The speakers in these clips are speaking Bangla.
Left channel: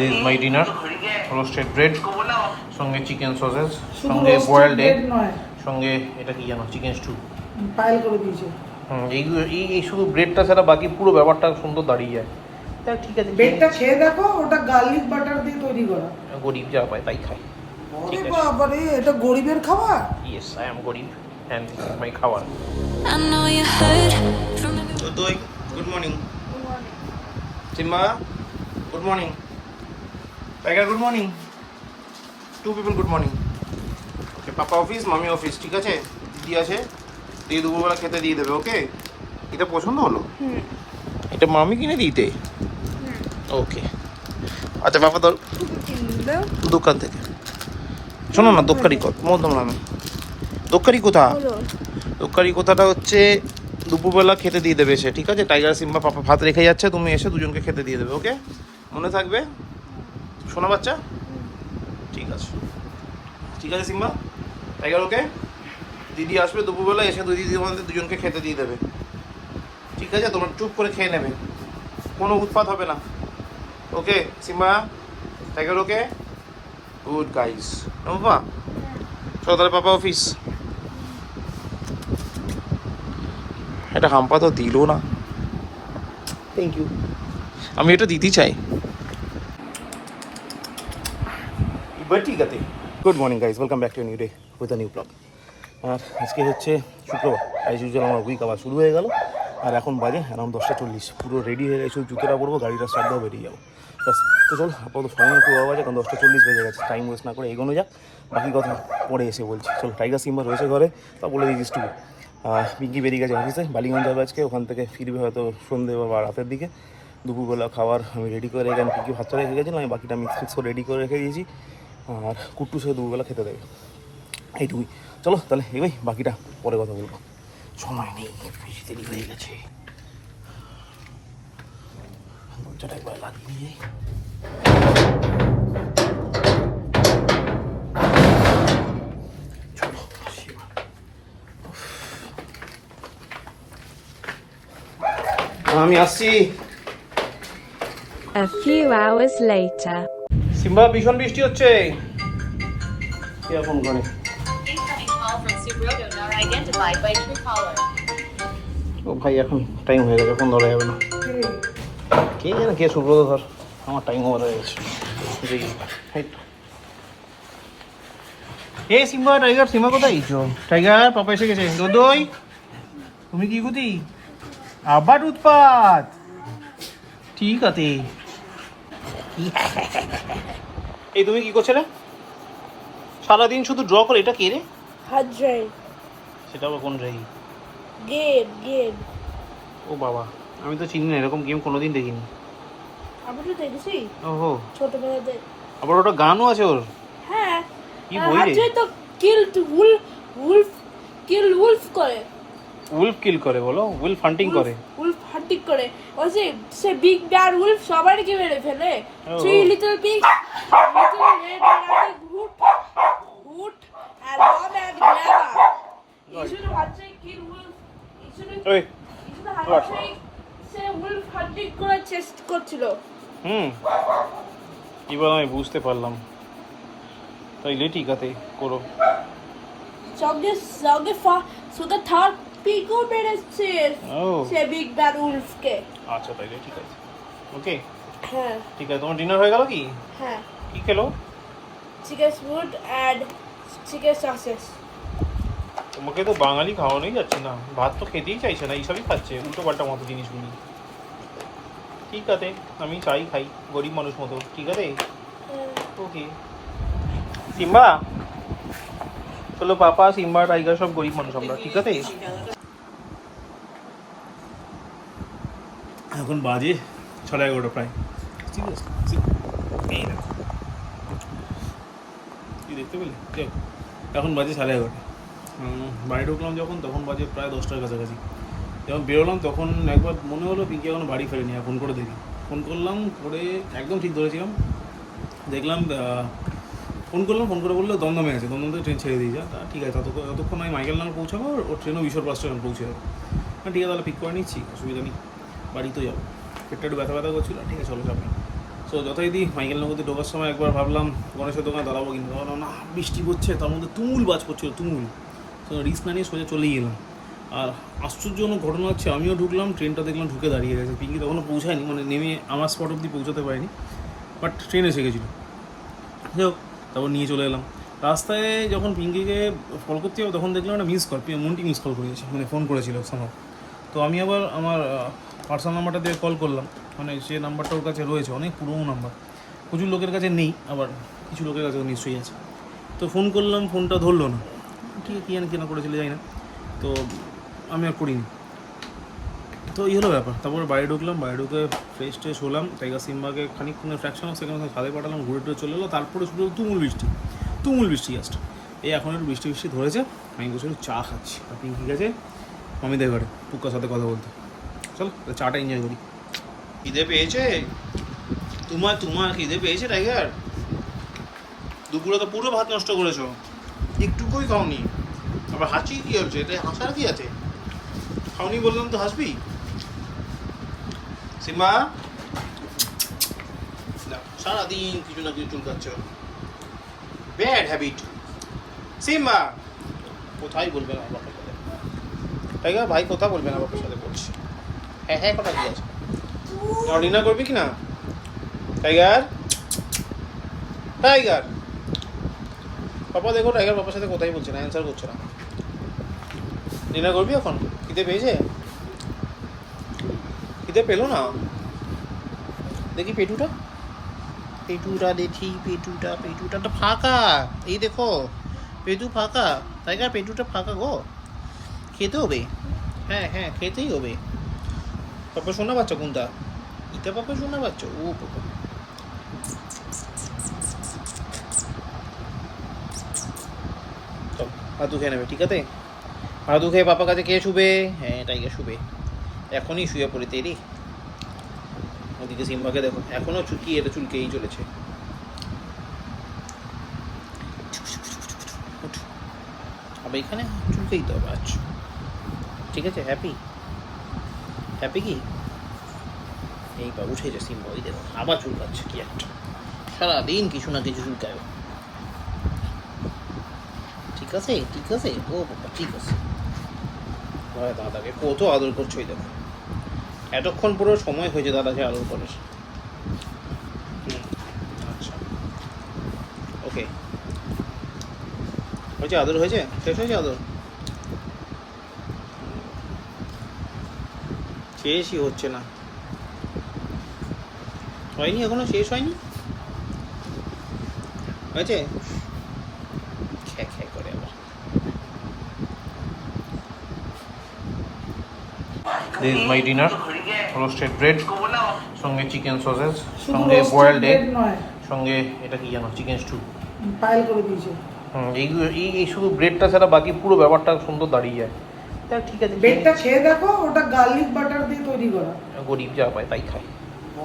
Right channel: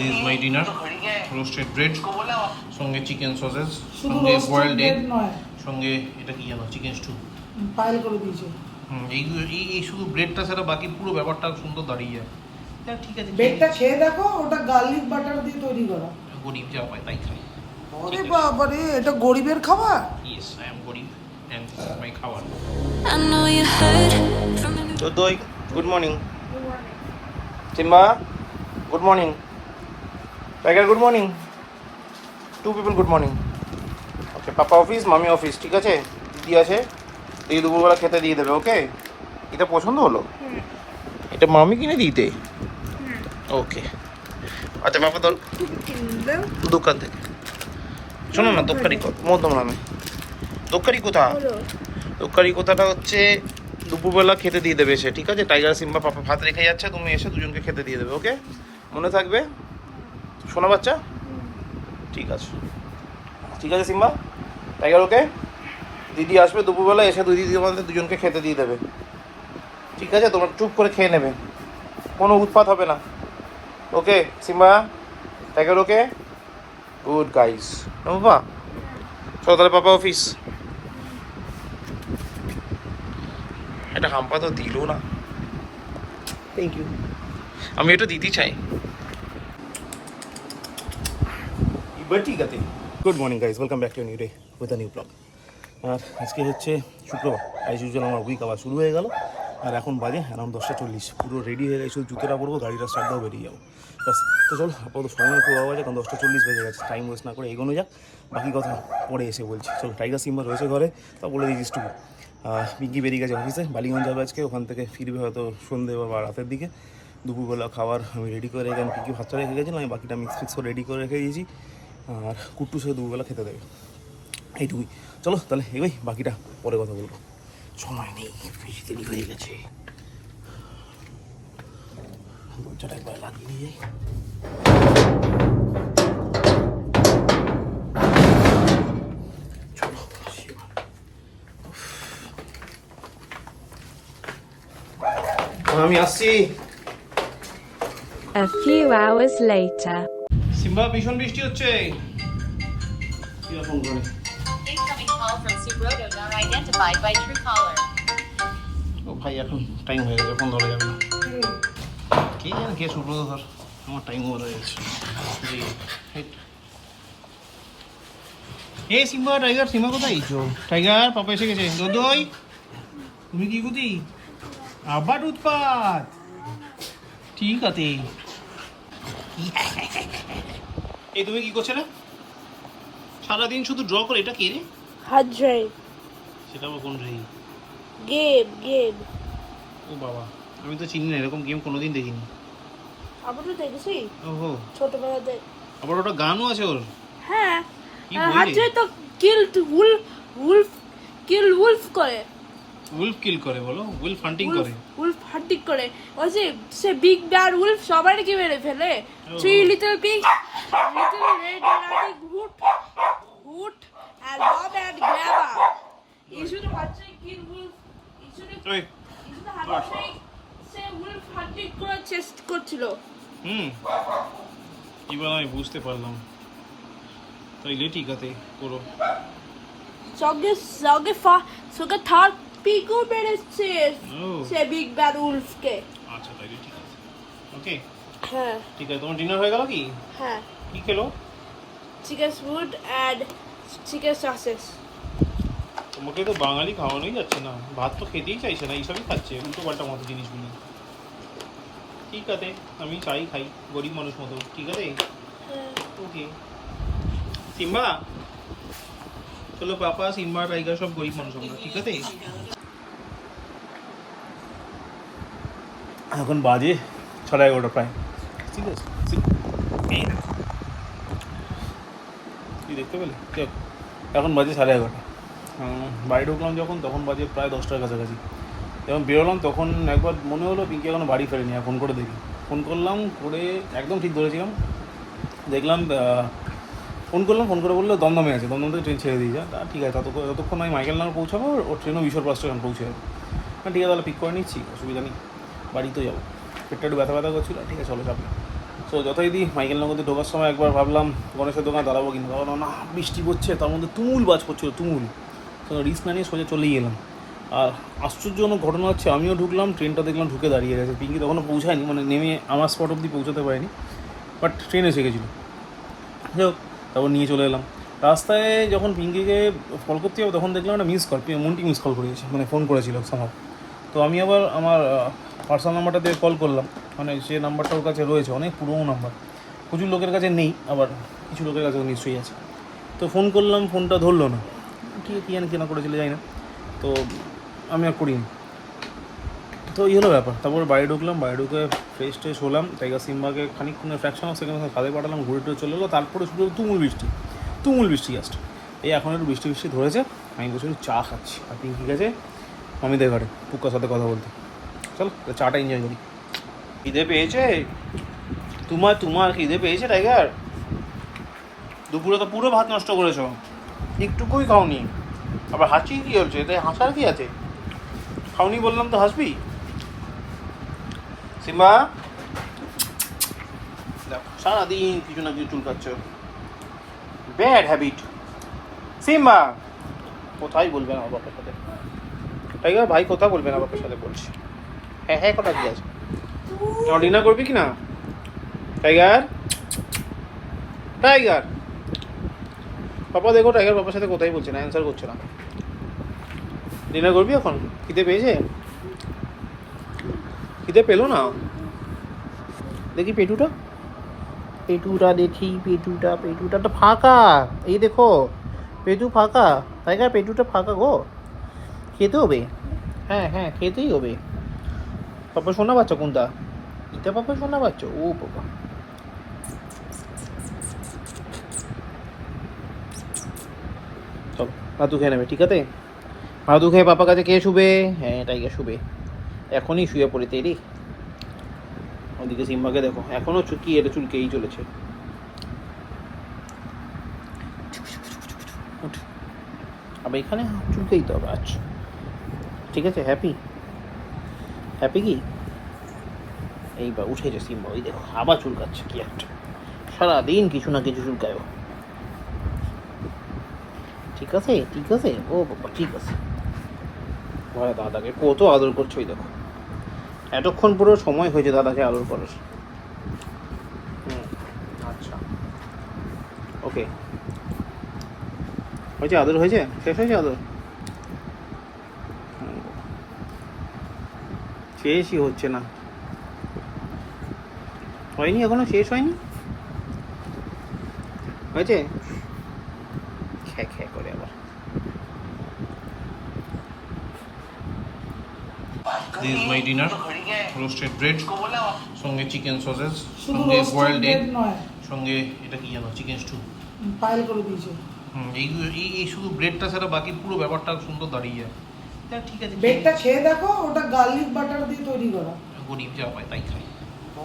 This my dinner, roasted bread, সঙ্গে চিকেন সসেস, সঙ্গে বয়েলড এগ, সঙ্গে এটা কি জানো চিকেন স্টু পাইল করে দিয়েছে। এই শুধু ব্রেডটা ছাড়া বাকি পুরো ব্যাপারটা সুন্দর দাঁড়িয়ে যায়। তাহলে ঠিক আছে, ব্রেডটা খেয়ে দেখো, ওটা গার্লিক বাটার দিয়ে তৈরি করা। গরিব যা পায় তাই খায়। ওরে বাবা রে, এটা গরিবের খাবার। ইয়েস, আই এম গরিব অ্যান্ড দিস ইজ মাই খাবার। I know you heard from তো দই, good morning. Simba, good morning. Tiger, good morning. Two people good morning. Okay, papa office, মামি অফিস, ঠিক আছে? দিদি আছে, এই দুপুরবেলা খেতে দিয়ে দেবে, ওকে? এটা পছন্দ হলো? এটা মামি কিনে দিতে? ওকে, আচ্ছা পাপা তোর দোকান থেকে শোনো না, দোকারি কত মধ্যম নামে দোকারি কোথা? দোকারি কোথাটা হচ্ছে দুপুরবেলা খেতে দিয়ে দেবে সে, ঠিক আছে? টাইগার সিম্বা পাপা ভাত রেখে যাচ্ছে, তুমি এসে দুজনকে খেতে দিয়ে দেবে, ওকে? মনে থাকবে শোনা বাচ্চা? ঠিক আছে, ঠিক আছে সিম্বা, টাইগার, ওকে? দিদি আসবে দুপুরবেলা, এসে দিদি আমাদের দুজনকে খেতে দিয়ে দেবে, ঠিক আছে? তোমরা চুপ করে খেয়ে নেবে, কোনো উৎপাত হবে না, okay Simba, tiger, okay? Good guys. বাবা চলো তাহলে পাপা অফিস। এটা হাম্পা তো দিল না, থ্যাংক ইউ, আমি এটা দিতে চাই। এবার ঠিক আছে। Good morning guys, welcome back to new day with a new blog. আর আজকে হচ্ছে শুক্রবার, অ্যাজ ইউজুয়াল আমার উইক আবার শুরু হয়ে গেল। আর এখন বাজে অ্যারাউন্ড 10:40, পুরো রেডি হয়ে গেছে, জুতোটা পরবো, গাড়িটা স্টার্ট দেওয়া, বেরিয়ে যাবো। তো চল, আপাতত সময় একটু বাবা বাজে, কারণ 10:40 বেজে গেছে, টাইম ওয়েস্ট না করে এগোনো যাক, বাকি কথা পরে এসে বলছি। চলো, টাইগার সিম্বা রয়েছে ঘরে, তা বলে দিয়েছিস টুকু। পিঙ্কি বেরিয়ে গেছে অফিসে, বালিগঞ্জ যাবে আজকে, ওখান থেকে ফিরবে হয়তো সন্ধ্যে বা রাতের দিকে। দুপুরবেলা খাবার আমি রেডি করে রেখে, আমি পিঙ্কি ভাতটা রেখে গেছিলাম, আমি বাকিটা মিক্স করে রেডি করে রেখে দিয়েছি। আর কুট্টু সে দুপুরবেলা খেতে দেবে, এইটুকুই। চলো তাহলে এবার বাকিটা পরে কথা বলবো, সময় নেই, বেশি দেরি হয়ে গেছে। দরজাটা একবার লাগিয়ে যাই। আমি আসছি। A few hours later. Simba, ভীষণ বৃষ্টি হচ্ছে। এখন ঘরে Incoming call from Subroto not identified by Truecaller. ও ভাই, এখন টাইম হয়ে গেছে, এখন ধরা যাবে না। কে জানে কে সুব্রত ধর, আমার টাইম ওভার হয়ে গেছে। এ সিম্বা, টাইগার, সিম্বা কোথায় গেছো? টাইগার, পাপা এসে গেছে। দই, তুমি কি গুতি? আবার উৎপাত, ঠিক আছে। এই তুমি কি করছো রে? সারাদিন শুধু ড্র করে, এটা কে রে? হাত ড্রাই সেটা আবার কোন রাই? গেম ও বাবা, আমি তো চিনি না, এরকম গেম কোনোদিন দেখিনি। আমি তো দেখেছি ওহো, ছোটবেলাতে। আবার ওটা গানও আছে ওর? হ্যাঁ, কি বললি? তো কিল উলফ করে, উলফ কিল করে বলো? উলফ হান্টিং করে? উলফ হান্টিং করে, ওই যে সে বিগ ব্যাড উলফ সবাইকে মেরে ফেলে। Three little pig, little red riding hood and Bob and Grandma. You should have to kill wolf. You should ওই have to say wolf hunting করে চেষ্টা করছিল। এবার আমি বুঝতে পারলাম, তাইলে ঠিক আছে, করো। সঙ্গে থার্ড পিগও মেরেছে সে বিগ ব্যাড উলফকে। আচ্ছা তাইলে ঠিক আছে, ওকে হ্যাঁ ঠিক আছে। তোমার ডিনার হয়ে গেল কি? হ্যাঁ, কি খেলো? Chicken soup and chicken sausages. তোমাকে তো বাঙালি খাওয়ানোই যাচ্ছে না, ভাত তো খেতেই চাইছে না, এইসবই খাচ্ছে উল্টো পাল্টা মতো জিনিসগুলো। ঠিক আছে, আমি চাই খাই, গরিব মানুষ মতো, ঠিক আছে, ওকে। সিম্বা চলো, পাপা, সিম্বা, টাইগার সব গরিব মানুষ আমরা, ঠিক আছে? এখন বাজে 11:30 প্রায়, ঠিক আছে? কি দেখতে পেলে? এখন বাজে 11:30। বাড়ি ঢুকলাম যখন, তখন বাজে প্রায় 10টার কাছাকাছি। যখন বেরোলাম তখন একবার মনে হলো পিঙ্কি এখনো বাড়ি ফেরেনি, ফোন করে দেখি, ফোন করলাম, করে একদম ঠিক ধরেছিলাম, দেখলাম ফোন করলাম, ফোন করে বললো দমদমে আছে, দমদম থেকে ট্রেন ছেড়ে দিয়ে যা। তা ঠিক আছে, ততক্ষণ আমি মাইকেলনগর পৌঁছাবো, ওর ট্রেনও ঈশ্বরপাড় স্টেশন পৌঁছে যাবো। হ্যাঁ ঠিক আছে, তাহলে পিক করে নিচ্ছি, অসুবিধা নেই, বাড়ি তো যাবো। পেটটা একটু ব্যথা করছিল, ঠিক আছে চলো, চাপ নেই। তো যথারীতি মাইকেল নগরতে ঢোকার সময় একবার ভাবলাম গণেশের দোকানে দাঁড়াবো, কিন্তু দাঁড়ানো না, বৃষ্টি পড়ছে, তার মধ্যে তুমুল বাজ পড়ছিল, তুমুল। তো রিস্ক না নিয়ে সোজা চলেই গেলাম। আর আশ্চর্যজনক ঘটনা হচ্ছে, আমিও ঢুকলাম, ট্রেনটা দেখলাম ঢুকে দাঁড়িয়ে গেছে। পিঙ্কি তখনও পৌঁছায়নি, মানে নেমে আমার স্পট অবধি পৌঁছাতে পারেনি, বাট ট্রেন এসে গেছিলো। যাই হোক, তারপর নিয়ে চলে এলাম। রাস্তায় যখন পিঙ্কিকে কল করতে যাবো তখন দেখলাম একটা miss call, Monti miss call করেছে, মানে ফোন করেছিল সামহাও। তো আমি আবার আমার পার্সোনাল নাম্বারটা দিয়ে কল করলাম, মানে সে নাম্বারটা ওর কাছে রয়েছে, অনেক পুরোনো নাম্বার, প্রচুর লোকের কাছে নেই, আবার কিছু লোকের কাছেও নিশ্চয়ই আছে। তো ফোন করলাম, ফোনটা ধরলো না, ঠিক আছে কী জানি কেনা করেছিল যাই না, তো আমি আর করিনি। তো এই হলো ব্যাপার। তারপর বাড়ি ঢুকলাম, বাড়ি ঢুকে ফ্রেশ ট্রেশ হলাম, টাইগার সিম্বাকে খানিকক্ষণে ফ্র্যাকশন অফ সেকেন্ড খাদে পাঠালাম, ঘুরে টুরে চলে এলো। তারপরে শুধু তুমুল বৃষ্টি জাস্ট। এই এখন একটু বৃষ্টি ধরেছে, আমি বসে চা খাচ্ছি, আর পিঙ্কি গেছে মামিদের ঘরে পুক্কার সাথে কথা বলতে। চলো চাটা এনজয় করি। খিদে পেয়েছে তোমার খিদে পেয়েছে টাইগার? দুপুরে তো পুরো ভাত নষ্ট করেছো, একটুকুই খাওনি, আবার হাসি কী হচ্ছে? তাই হাসার কি আছে? খাওনি বললাম তো হাসবি? সিম্বা সারাদিন কিছু না কিছু চুল খাচ্ছ, ব্যাড হ্যাবিট। সিম্বা কোথায় বলবেন আমার বাবার সাথে? টাইগার ভাই কোথায় বলবেন আমার সাথে? বলছি হ্যাঁ কথা কি আছে? ডিনার করবি কি না টাইগার? পাপা দেখো, টাইগার পাপার সাথে কোথায় বলছে না, অ্যান্সার করছে না। ডিনার করবি এখন? খিদে পেয়েছে? খিদে পেলো না? দেখি পেটুটা দেখি, পেটুটা তো ফাঁকা, এই দেখো পেটু ফাঁকা। টাইগার পেটুটা ফাঁকা গো, খেতে হবে। হ্যাঁ খেতেই হবে। পাপা শোনা বাচ্চা কোনটা? এটা পাপা শোনা বাচ্চা? ও বাবা, ভাতু খেয়ে নেবে, ঠিক আছে? ভাতু খেয়ে পাপা কাছে কে শুবে? হ্যাঁ টাইগার শুবে, এখনই শুয়ে পড়ে তেরি। ওদিকে সিম্বাকে দেখো, এখনো চুলকেই চলেছে। আবার এখানে চুলকেই তো হবে। আচ্ছা ঠিক আছে, হ্যাপি কি? এইবার উঠেছে সিম্বা, ওই দেখো আবার চুলকাচ্ছে কি একটা, সারাদিন কিছু না কিছু চুলকায়। ঠিক আছে ও বাবা, ঠিক আছে। দাদাকে কত আদর করছো, ওই দেখো এতক্ষণ পুরো সময় হয়েছে দাদাকে আদর করার। আচ্ছা ওকে, হয়েছে আদর, হয়েছে, শেষ হয়েছে আদর? শেষই হচ্ছে না, হয়নি এখনো, শেষ হয়নি, হয়েছে? This is my dinner, roasted bread, সঙ্গে চিকেন সসেস, সঙ্গে বয়েলড এগ, সঙ্গে এটা কি জানো, চিকেন স্টু। পাইল করে দিয়েছে। এই শুধু ব্রেডটা ছাড়া বাকি পুরো ব্যাপারটা সুন্দর দাঁড়িয়ে যায়। তাহলে ঠিক আছে, ব্রেডটা খেয়ে দেখো, ওটা গার্লিক বাটার দিয়ে তৈরি করা। গরিব যা পায় তাই খায়।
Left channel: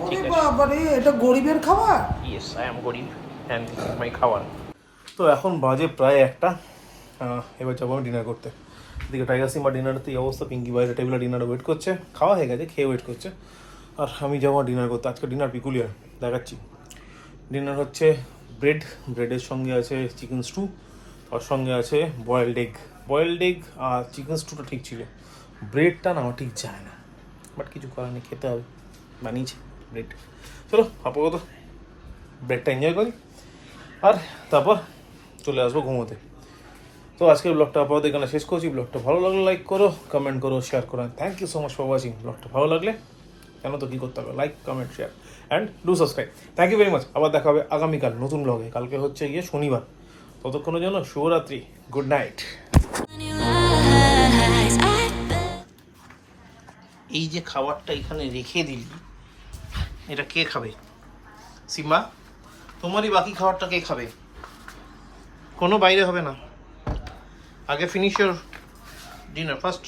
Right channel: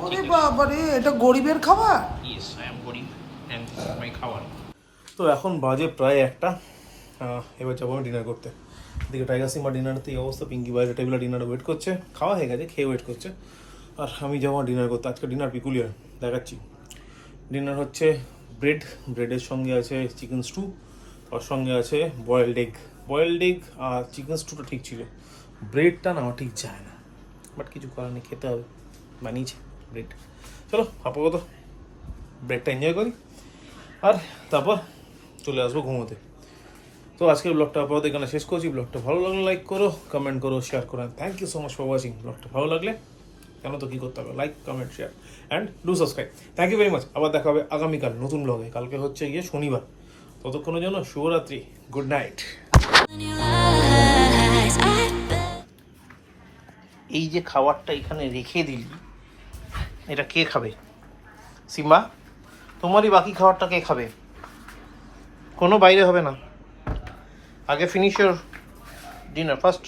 ওরে বাবা রে, এটা গরিবের খাবার। ইয়েস, আই এম গরিব অ্যান্ড দিস ইজ মাই খাবার। তো এখন বাজে প্রায় 1টা, এবার যাবো আমি ডিনার করতে। এদিকে টাইগার সিম্বা ডিনারতে এই অবস্থা, পিঙ্কি বাইরে টেবিলে ডিনারে ওয়েট করছে, খাওয়া হয়ে গেছে, খেয়ে ওয়েট করছে, আর আমি যাবো ডিনার করতে। আজকে ডিনার পিকুলিয়ার দেখাচ্ছি। ডিনার হচ্ছে ব্রেডের সঙ্গে আছে চিকেন স্টু, আর সঙ্গে আছে বয়েলড এগ আর চিকেন স্টুটা ঠিক ছিল, ব্রেডটা না আমার ঠিক যায় না, বাট কিছু করার নেই, খেতে হবে, বানিয়েছে ব্রেড। চলো আপাতত ব্রেডটা এনজয় করি, আর তারপর চলে আসবো ঘুমোতে। তো আজকের ব্লগটা আপাতত এখানে শেষ করছি। ব্লগটা ভালো লাগলে লাইক করো, কমেন্ট করো, শেয়ার করো। Thank you so much for watching. ব্লগটা ভালো লাগলে কেন তো কী করতে হবে, like, comment, share and do subscribe. Thank you very much. আবার দেখা হবে আগামীকাল নতুন ব্লগে। কালকে হচ্ছে গিয়ে শনিবার, ততক্ষণের জন্য শুভরাত্রি, good night. In your eyes, I bet. এই যে খাবারটা এখানে রেখে দিলি, এটা কে খাবে? সিম্বা, তোমারই বাকি খাবারটা কে খাবে? কোনো বাইরে হবে না, আগে ফিনিশ ইউর ডিনার ফার্স্ট।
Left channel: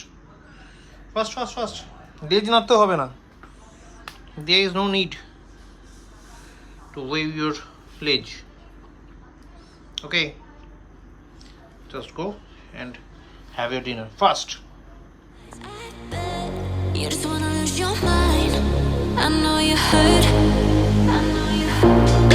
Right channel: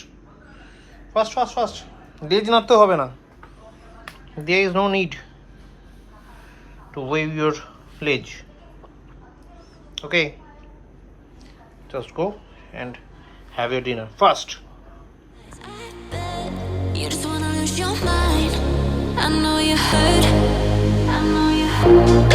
লেজ নাড়তে হবে না, there is no need to wave your ledge, okay, just go and have your dinner fast. I bet you just wanna lose your mind. I know you hurt. Bye.